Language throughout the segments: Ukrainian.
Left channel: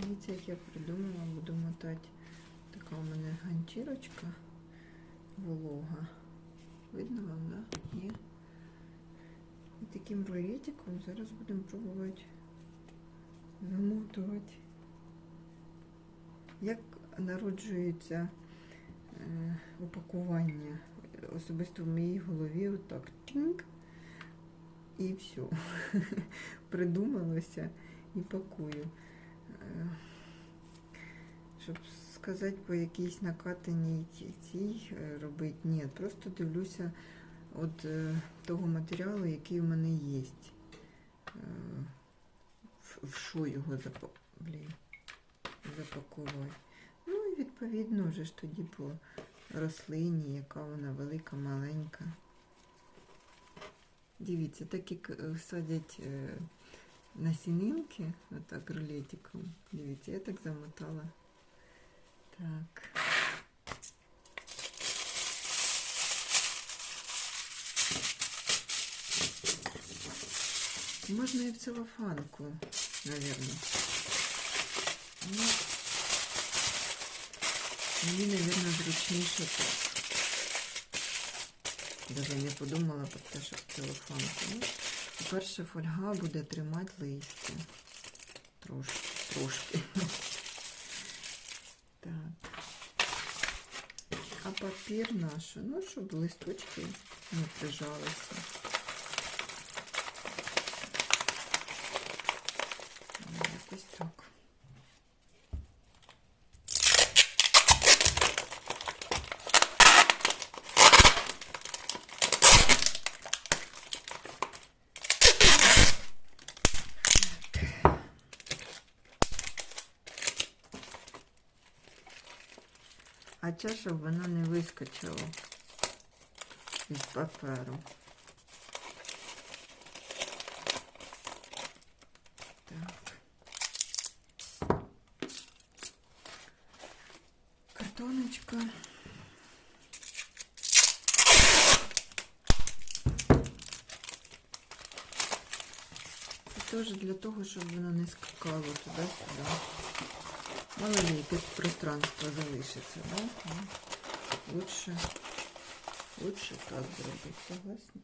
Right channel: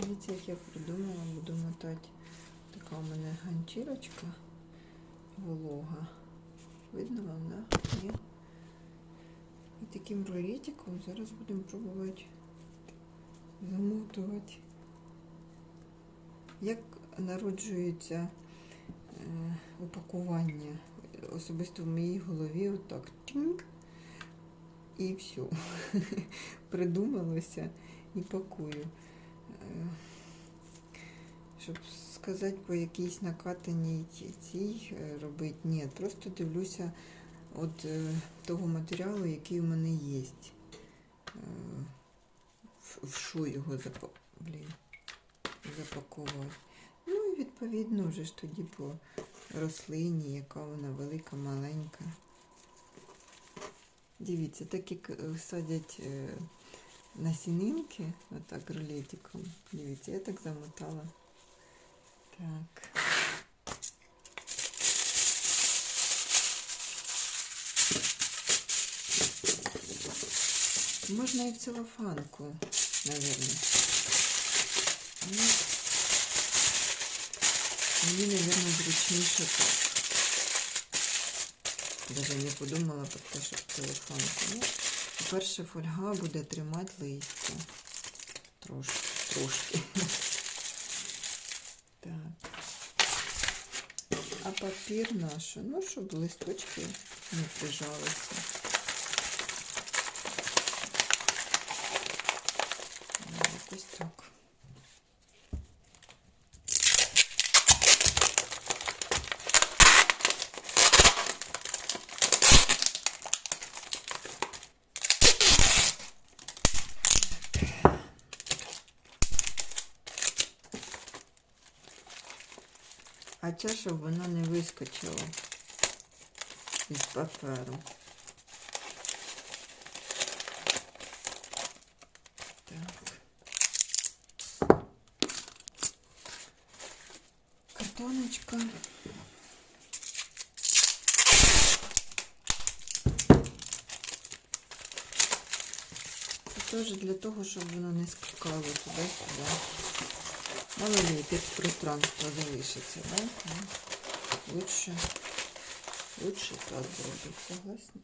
Дивіться, як я придумала, буду мотати. Така у мене ганчірочка волога. Видно вам, да? Ні? І таким ролетиком зараз будемо пробувати замотувати. Як народжується е, упакування? Особисто в моїй голові отак тінк і все. Придумалося і пакую. Щоб сказати по якійсь накатаній цій е, робити, ні, просто дивлюся от е, того матеріалу, який в мене є. Е, в- що його запа... Блін, запаковувати. Ну і відповідно вже ж тоді по рослині, яка вона велика, маленька. Дивіться, так як садять насінинки, отак рулетиком. Дивіться, я так замотала. Так. Можна і в целофанку, наверное. Ну, мені, наверное, зручніше так. Даже не подумала про те, в целофанку. Ну, по-перше, фольга буде тримати листя. Трошки, трошки. Так. А папір наш, ну, щоб листочки не прижалися. Ну, Якось так. А це, щоб воно не вискочило із паперу. Так. Картоночка. Це теж для того, щоб воно не скакало туди-сюди. Мало ли, якесь пространство залишиться, да? Ну, Лучше, лучше так зробити, согласна?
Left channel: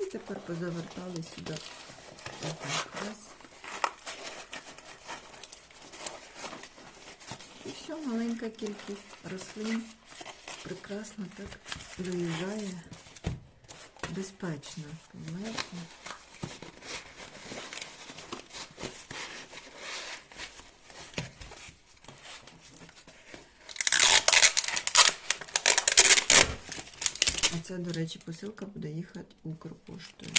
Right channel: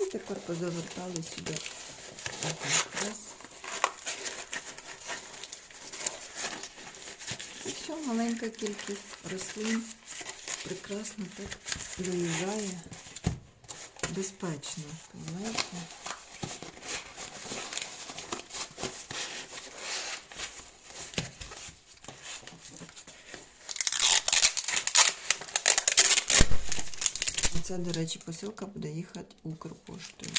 І тепер позавертали сюди. Отак, раз. І все, маленька кількість рослин прекрасно так доїжджає безпечно, понимаєте? Оце, до речі, посилка буде їхати Укрпоштою.